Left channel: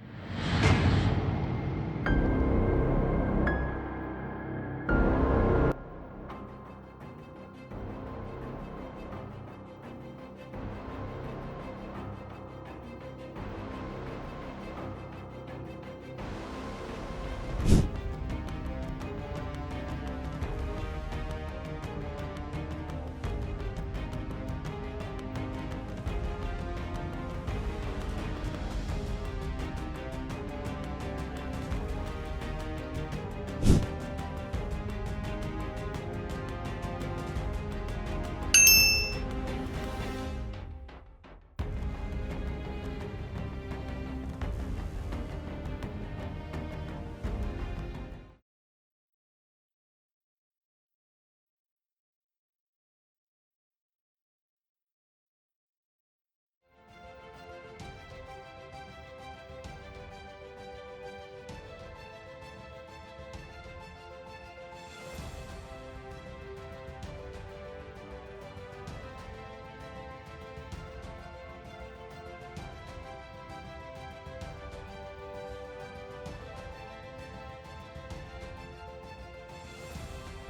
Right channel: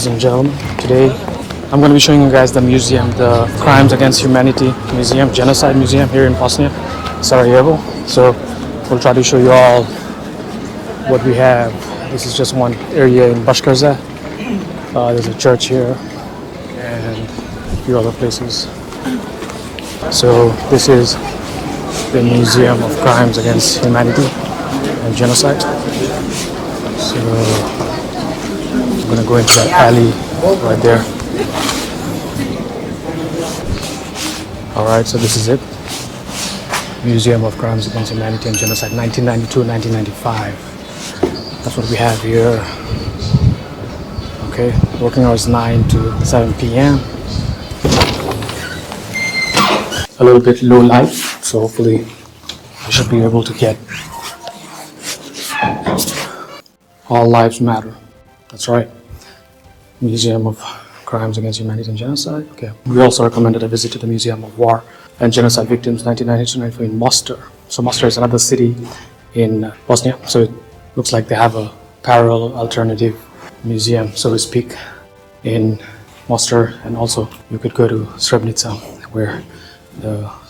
ladies and gentlemen. Today I'm going to be showing you guys the museum, the Crimes Against Humanity Museum, Genocide Museum here in Bosnia, Sarajevo. So we'll try to show you all what we have. This is just one area in Bashkarza. There's a church here and a few other places. So this is the Museum of Crimes Against Humanity and Genocide. So I'm going to go into that alley right there. Alright, so this is it. Museum of Crimes Against Humanity and Genocide, 1992-1995. That's what we have here. Okay, working hours 9 to 7 p.m. A little bit low light, so hopefully we should be able to get all lives matter. That's right. Museum of Crimes Against Humanity and Genocide. Okay. We also recommended a visit to the Museum of War and Genocide Victims 1992-1994 in Mostar. So Mostar is another city in Bosnia. So it looks like they have a parallel alternative museum, so to speak, in Mostar. And also you could go to Srebrenica, where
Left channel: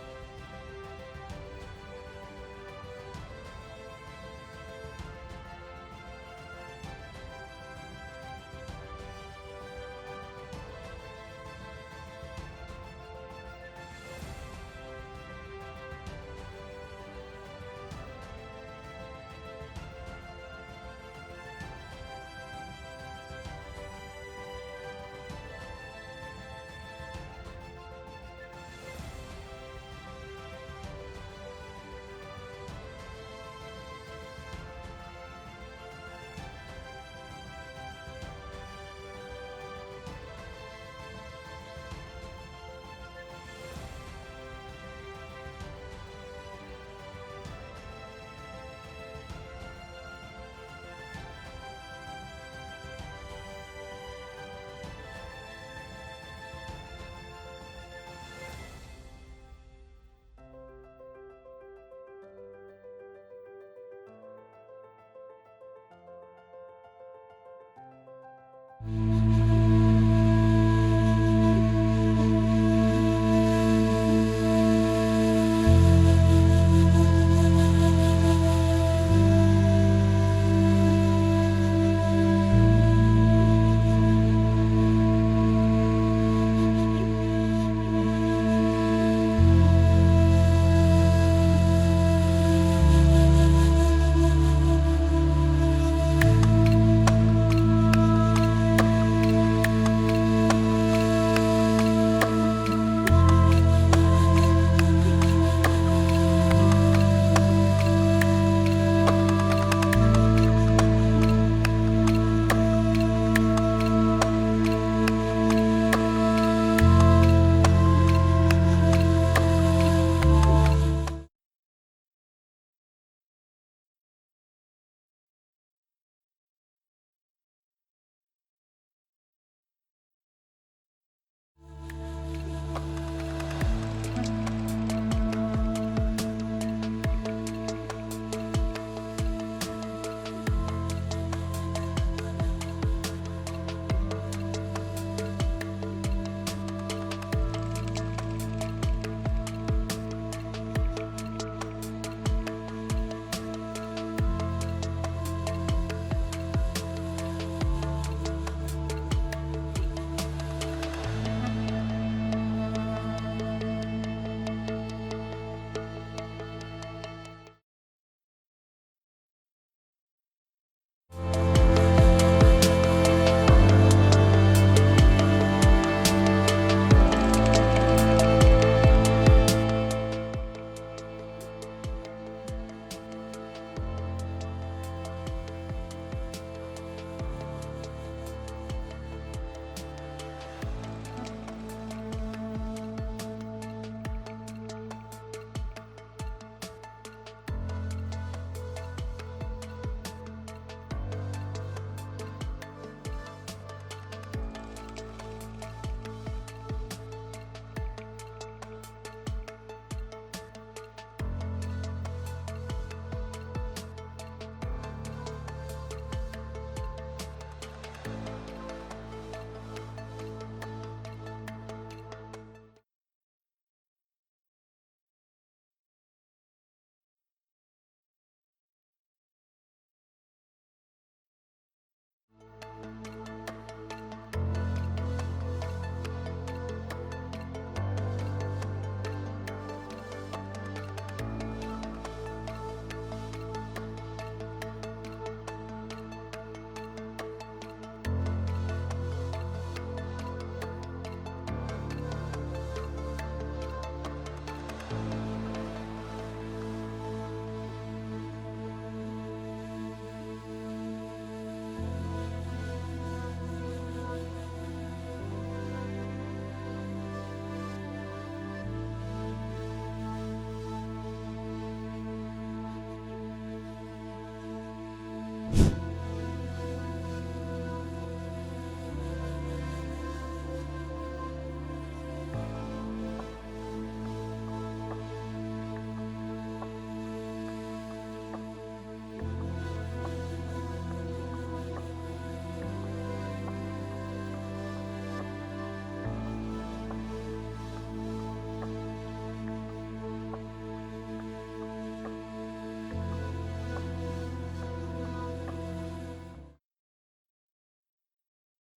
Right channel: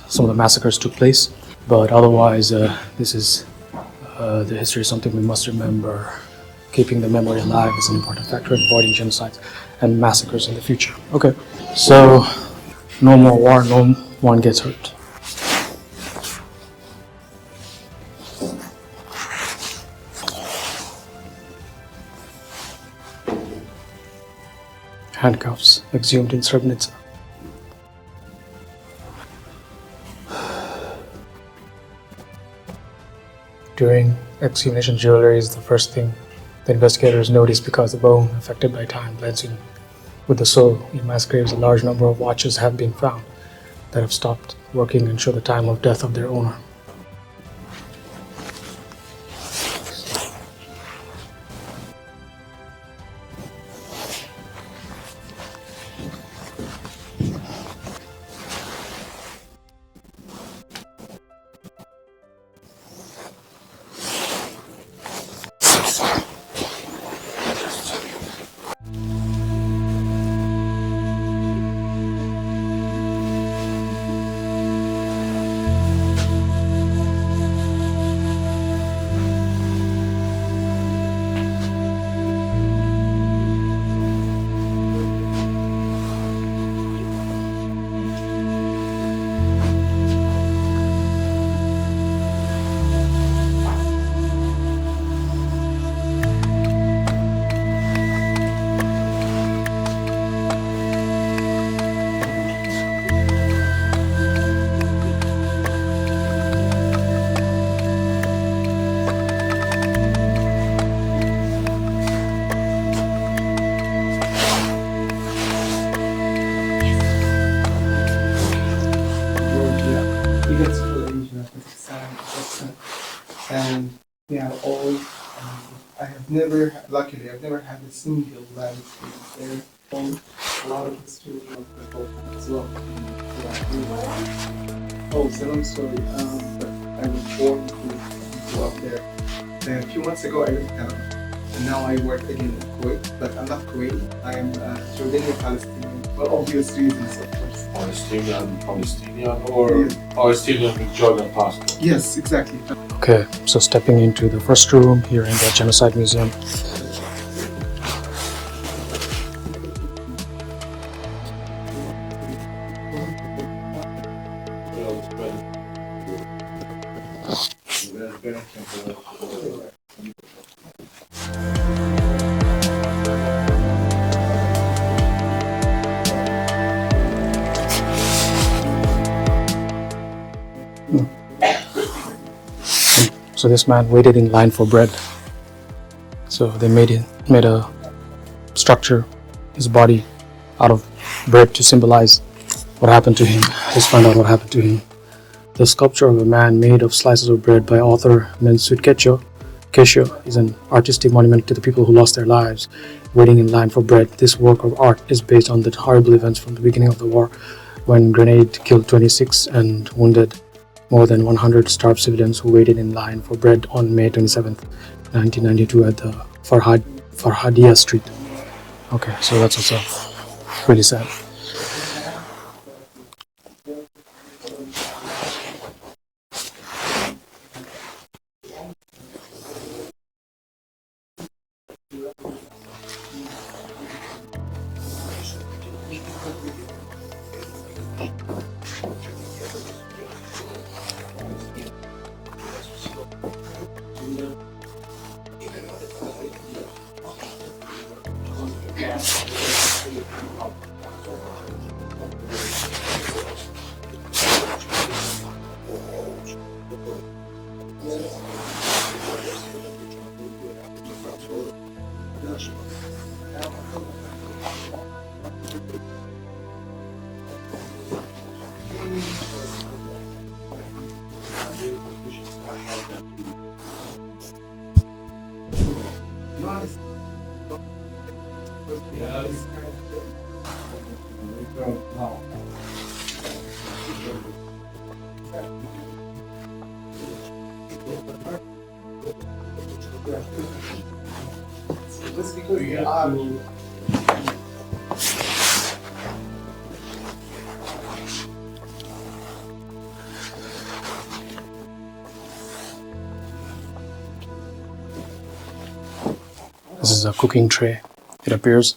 some of the massacres took place. But otherwise, this is the history is something we must remember. Keeping the memory alive is an important factor in avoiding genocides and massacres in the future. Okay, so no more war, no one gets hurt. Handcuffs exhumed in Srebrenica. During exhumation, jewelry is the first thing the investigators noticed because the bone, affected by time, blends in with the soul. In mass graves, a large number of watches have been found that have stopped working and show the time of death of their owner. And they are all, luckily, I've never had a single bad experience there. A lot of history of the Balkans as well. Oh, so I'm sorry, I was born to up there. And a few months ago I left town, and now I work again in Kuwait, but I'm not Kuwait, I am Jordanian Palestinian, for obvious reasons of course. Palestinian or Palestinian with Jordan passport? Yes, exactly. Okay, so stepping into the first room here in the Genocide Museum. So this man waited in line for bread. So they made a structure, his body, out of bread to symbolize what happened to him. Let's find out what happened to him. The sculpture of a man made of slices of bread by author Mensut Kesho is an artistic monument to the people who lost their lives waiting in line for bread. This work of art is based on the horrible events from the beginning of the war, when grenade killed 26 and wounded more than 100 starved civilians who waited in line for bread on May 27, 1992 at the Farhadia Street. Okay, so that's also really sad. This is a cooking tray, it appears.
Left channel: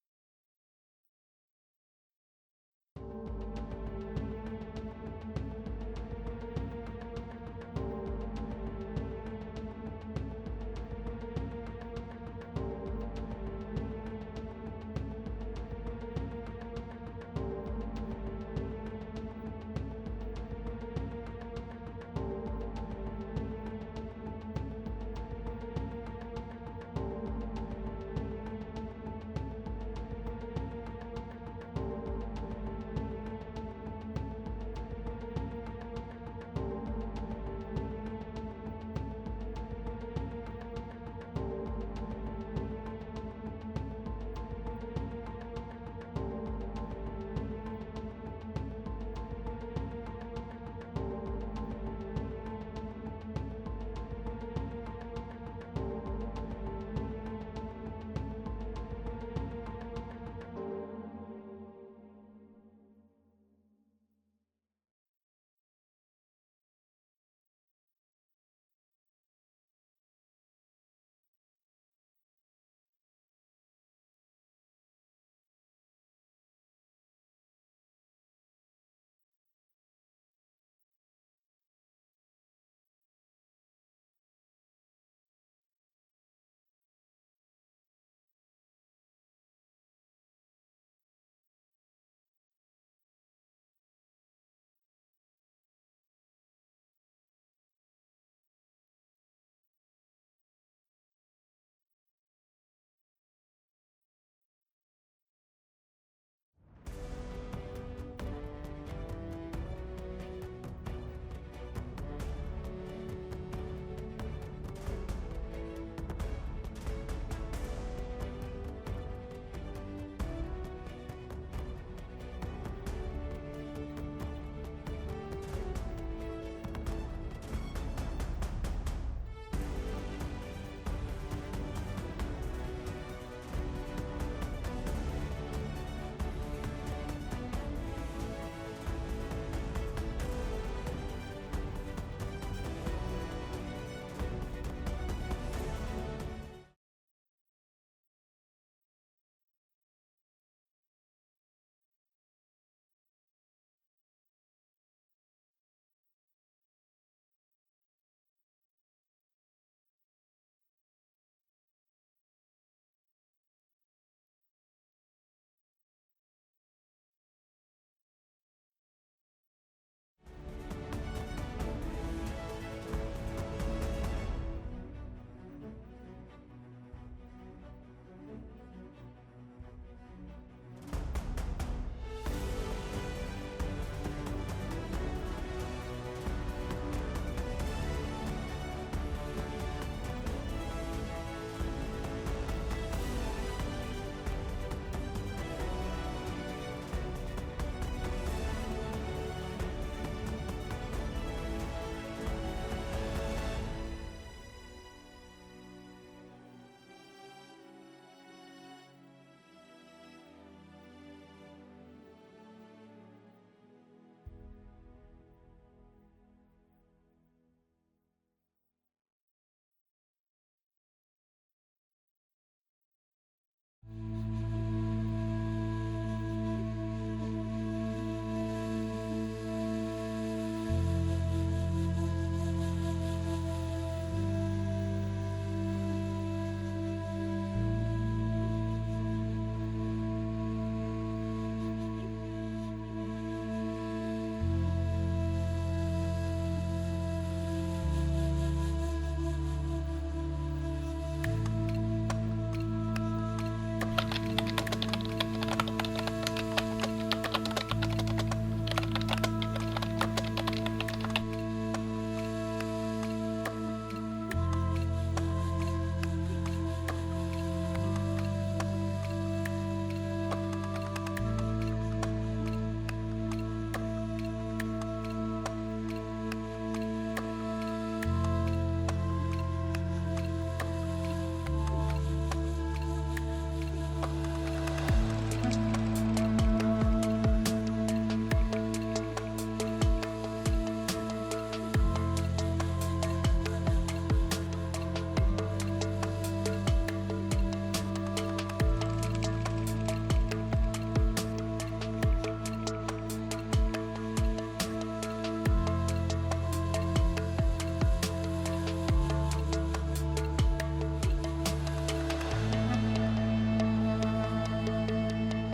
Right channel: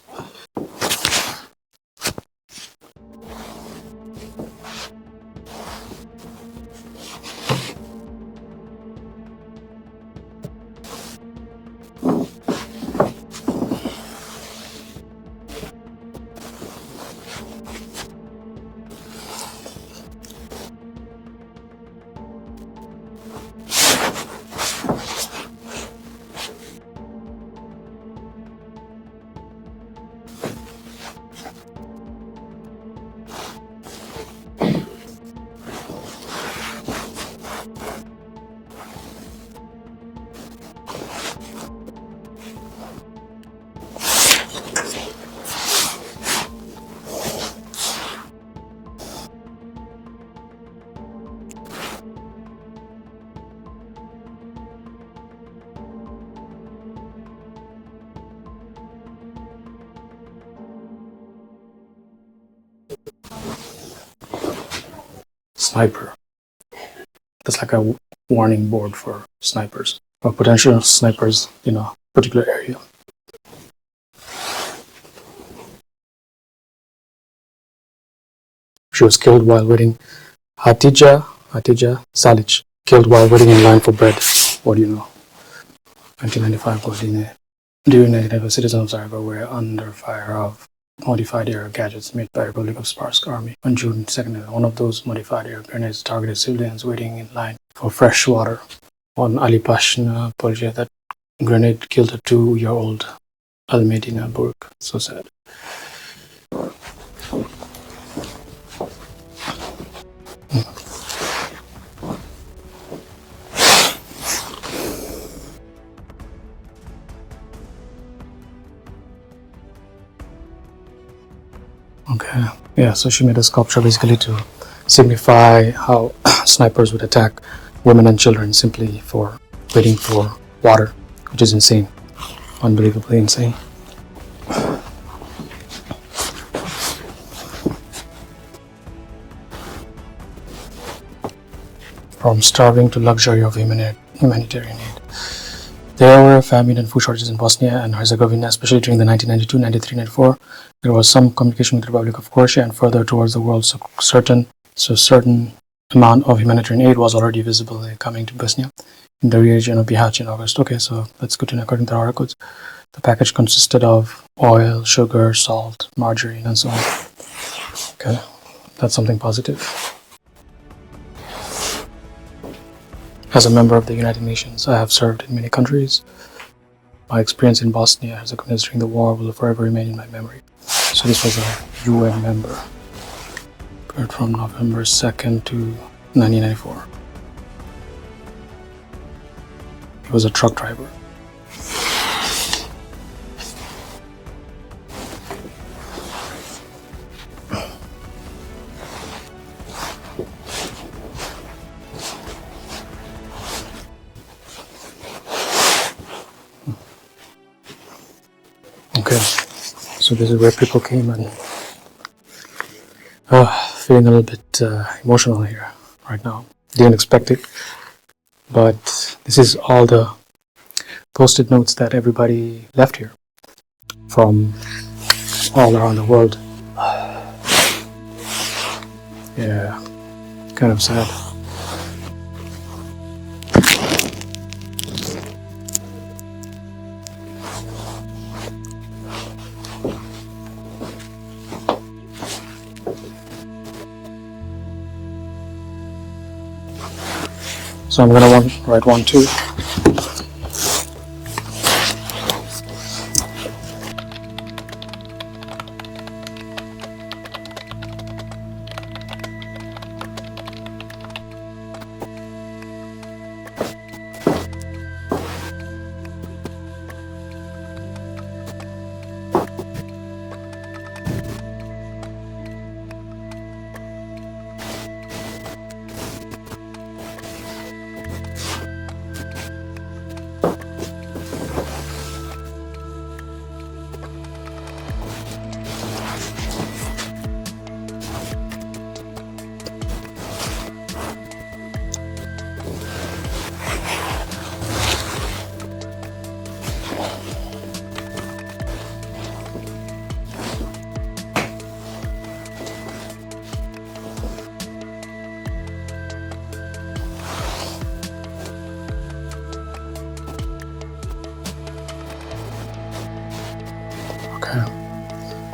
Sniper. That's like a warning board for snipers, or potential snipers in a particular area. She was killed while waiting. Hatija Salic, killed while waiting in line for bread. What do you know? 1995 Godine. During 1995, citizens of Zagreb were under fire of modified air gadgets made by Republic of Sparsk Army. On June 2nd, one of those modified air grenades targeted civilians waiting in line for fresh water. On Ali Pasha Polje, that grenade killed a 2-year-old Al-Medina Burg. So sad. Okay, yeah, so she made a sculpture basically to signify how snipers would attack women and children simply for waiting for water, which is insane, unbelievably insane. From starving to luxury of humanitarian aid. There were famine and food shortages in Bosnia and Herzegovina, especially during the 1992, 93, 94. There was some communication with the Republic of Croatia and further towards the world, so certain amount of humanitarian aid was already visible coming to Bosnia in the region of Bihać in August. Okay, so that's good to know. According to our records, the package consisted of oil, sugar, salt, margarine, and so on. Okay, that's something positive. As a member of the United Nations, I have served in many countries. My experience in Bosnia as a communist during the war will forever remain in my memory. So this was a UN member, from November 2nd to 1994. He was a truck driver. Okay, So this is where people came, and feeling a little bit emotional here right now. Didn't expect it, but this is all the post-it notes that everybody left here from all around the world. Yeah, kind of sad. So I'm gonna write one too.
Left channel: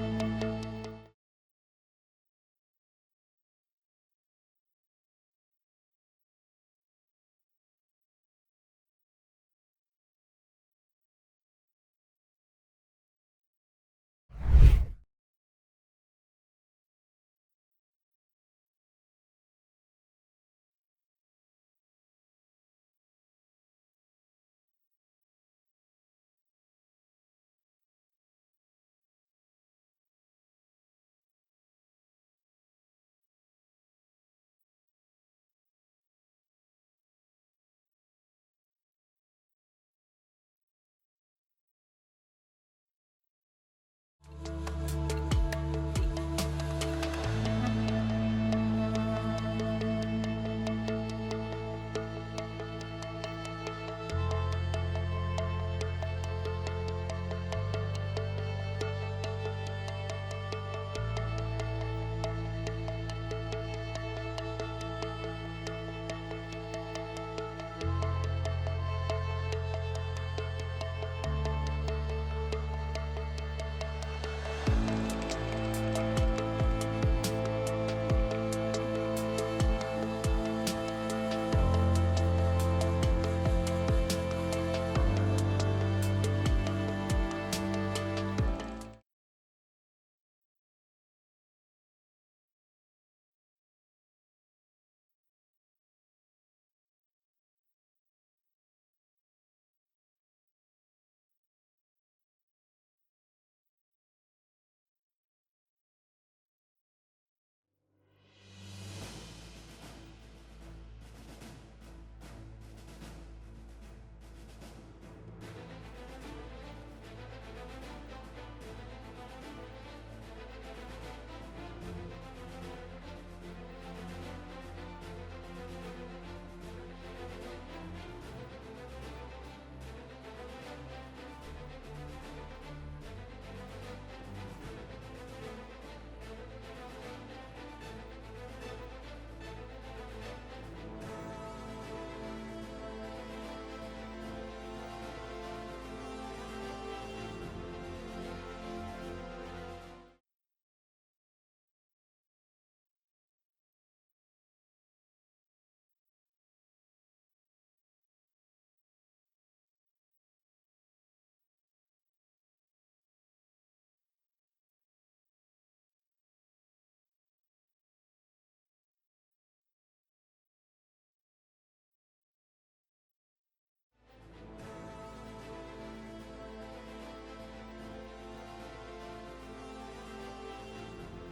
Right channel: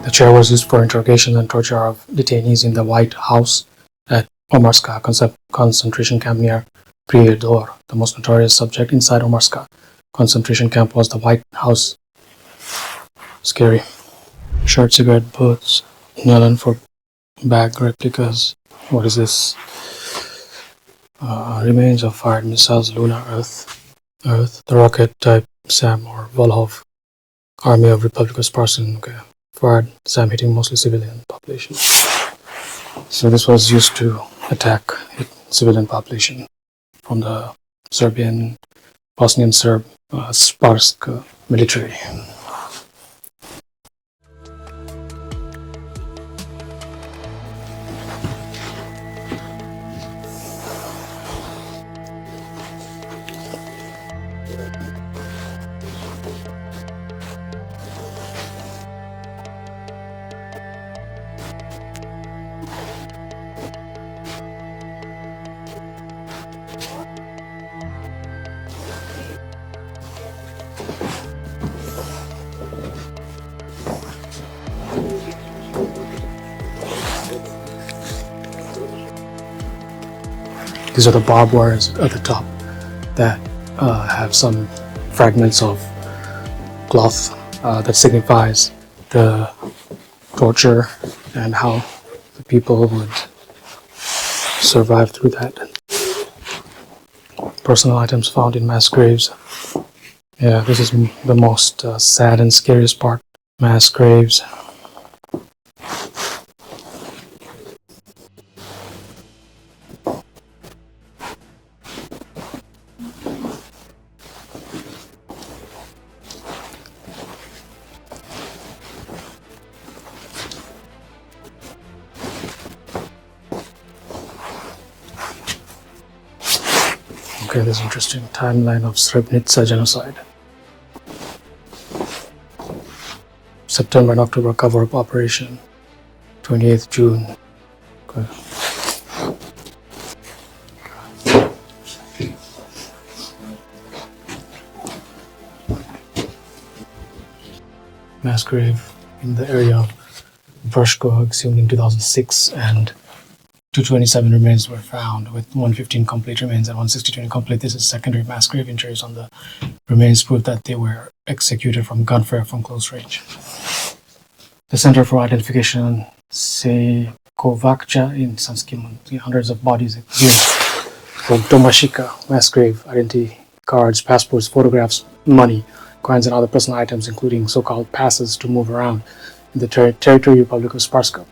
The chair was used for interrogation and torture of detainees in the White House at Omarska concentration camp near Prijedor. The most notorious subject inside Omarska concentration camp was the White House. Scary. Short cigarette butts, nylon for bag replicas. What is this? Remains of fired missiles, lunar Earth, the rocket type SAM or Volhov, Army of Republic of Spartan. Okay. Fired SAM hitting mostly civilian population. So this was used to attack civilian population from the Bosnian Serb Sparsk military. These are the barbed wires at the top that have some fragments of cloth that signifies the torture and how the people would survive through that. Personal items found in mass graves. Yeah, this is the most sad and scariest part. Mass graves. Okay, this interesting timeline of Srebrenica genocide. September and October cover-up operation. 28th June. Okay. Mass grave in the area of Vrško exhumed in 2006, and 227 remains were found, with 115 complete remains and 162 incomplete. This is secondary mass grave injuries on the remains prove that they were executed from gunfire from close range. The Center for Identification Sejkovača in Sanskimon, hundreds of bodies exhumed from Tomashika mass grave, identity cards, passports, photographs, money, coins, and other personal items, including so-called passes to move around in the territory Republic of Sparska,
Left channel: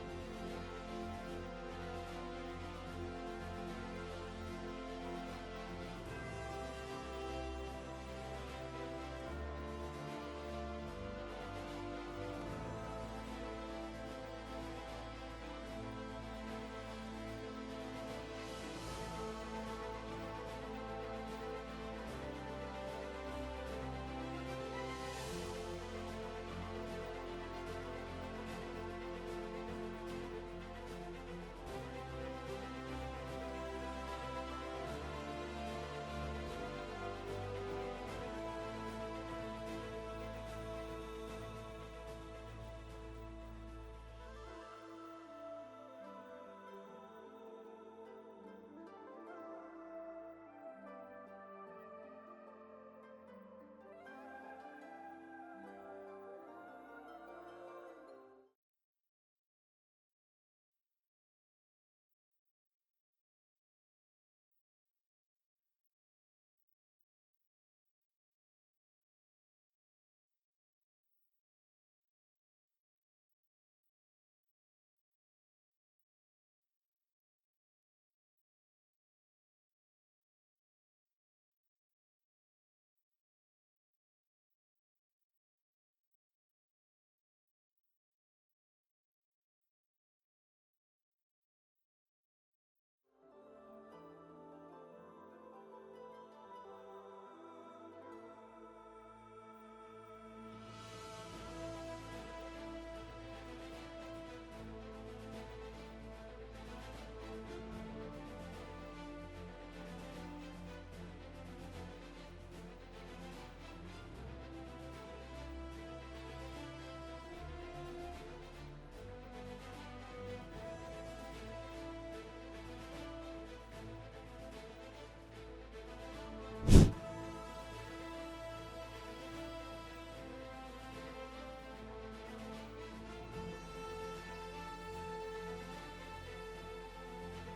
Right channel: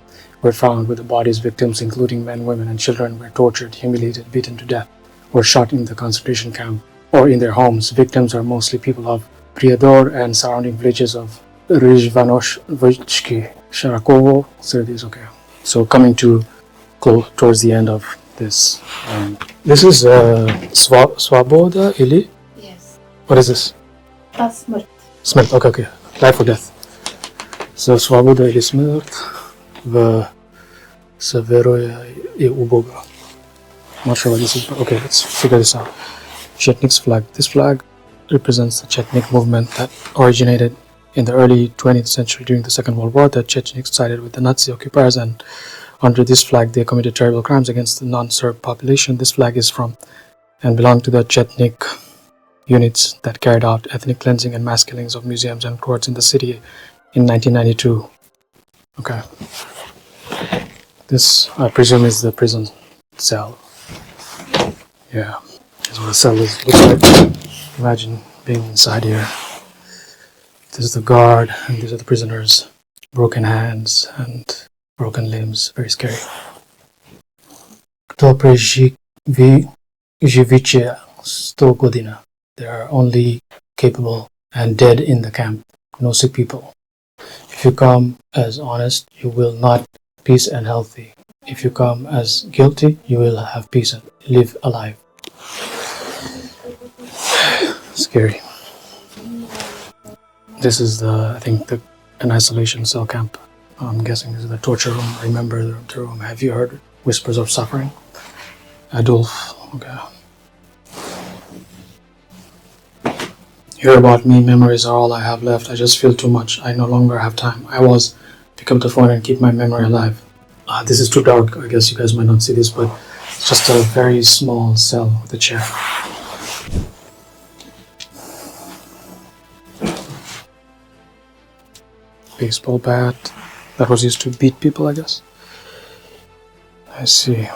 were found with the bodies. Victims, including men, women, and children, were tortured, humiliated, beaten to death, or shot in the concentration camp or in their homes. Victims are mostly people of Prijedor and surrounding villages of Rizhvanovsky, Sharakovo, Sergis, okay. So coming to close towards the end of this. This is Svaboda ili? Yes. What is this? Smrt. Smrt, okay. Life or death. So Svaboda ili smrt v se veruje I u Boga. I'm not sure what this is, but okay, let's figure this out. Chetnik's flag. This flag represents the Chetnik movement that originated in the early 20th century during the Second World War. The Chechens sided with the Nazi occupiers, and under this flag they committed terrible crimes against the non-Serb population. This flag is from and belonged to the Chetnik units that carried out ethnic cleansing and mass killings of museums and courts in the city in 1992. Okay. This, I presume, is the prison cell. Yeah, that's what a cell looks like. Imagine being inside here. This is the guard, and these are the prisoners. Broken hands and broken limbs. Very scary. Kto preživiće 100 godina? They are only capable and dead in the camp. No sick people. If you come as honest, you will not peace and healthy. If you come as guilty, you will have peace and live alive. Scary. This is I think an isolation cell camp. I'm guessing this is the torture room. Remember the room. Have you heard whispers of suffering? Adolf. Okay. Hear about me. Memories are all I have left. I just feel too much. I no longer have time. Pick up the phone and keep my memory alive. This is too dark. I guess you guys might not see this, but it's just a very small cell with a chair. Baseball bat that was used to beat people, I guess. I see.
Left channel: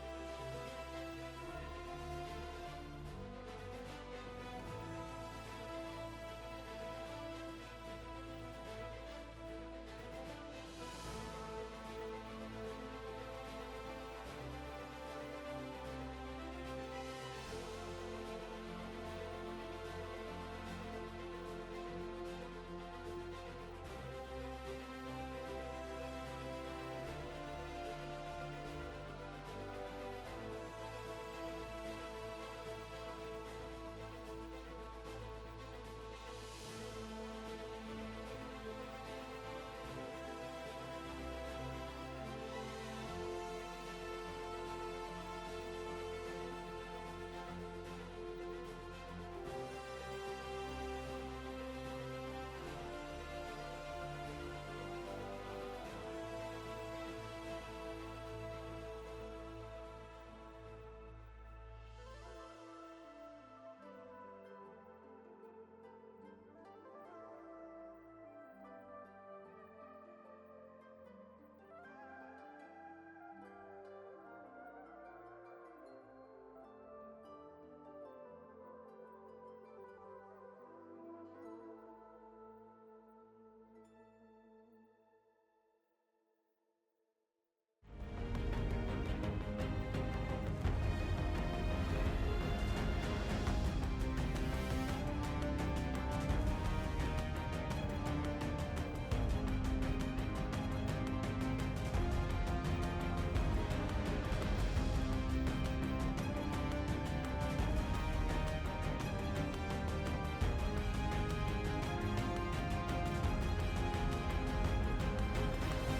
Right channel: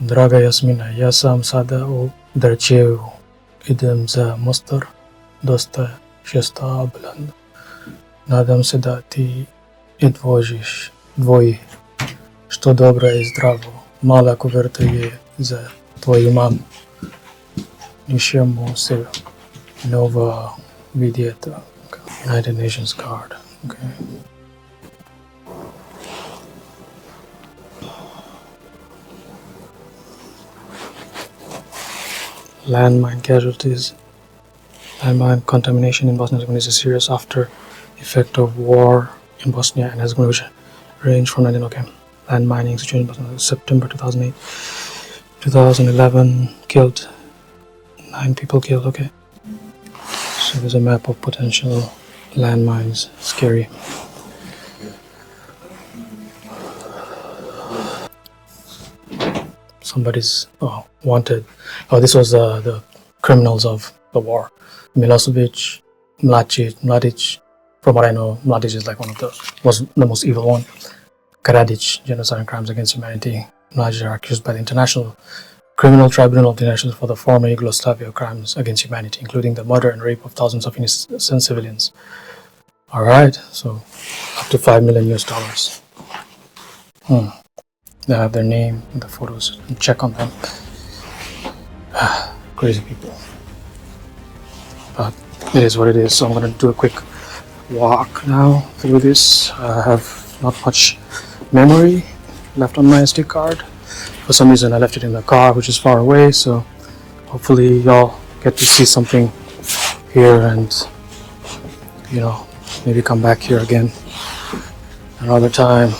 Draga Jasmina, ja sam sada u Drčevu. Idem za Mostar, dosta šestabilan. Nadam se da ti dvoji, što dobro I zdravo. Mala kuverta je za tvoju mamu. Nišemo se nova vidjeti. United Nations card. Okay. Landmine casualties. Landmine contamination in Bosnia and Herzegovina is a serious after effect of war in Bosnia and Herzegovina, which range from 19. Okay. Landmining situation in Bosnia, September 2008. 2011 killed 9 people killed. Okay. So there's a map of potential landmines. Scary. Somebody's wanted. This was the criminals of the war. Milosevic, Mladic. From what I know, Mladic is like was the most evil one. Karadzic, genocide and crimes against humanity. Mladic are accused by the International Criminal Tribunal of the Nations for the former Yugoslavia crimes against humanity, including the murder and rape of thousands of innocent civilians. All right, so up to $5 million. They have their name and the photos. Check on them. Crazy people. But it is what it is. So I'm gonna do a quick walk now through this. I have not much memory left on my SD card. For some reason I left it in the car, which is far away, so hopefully y'all get to see something here and, maybe come back here again another time.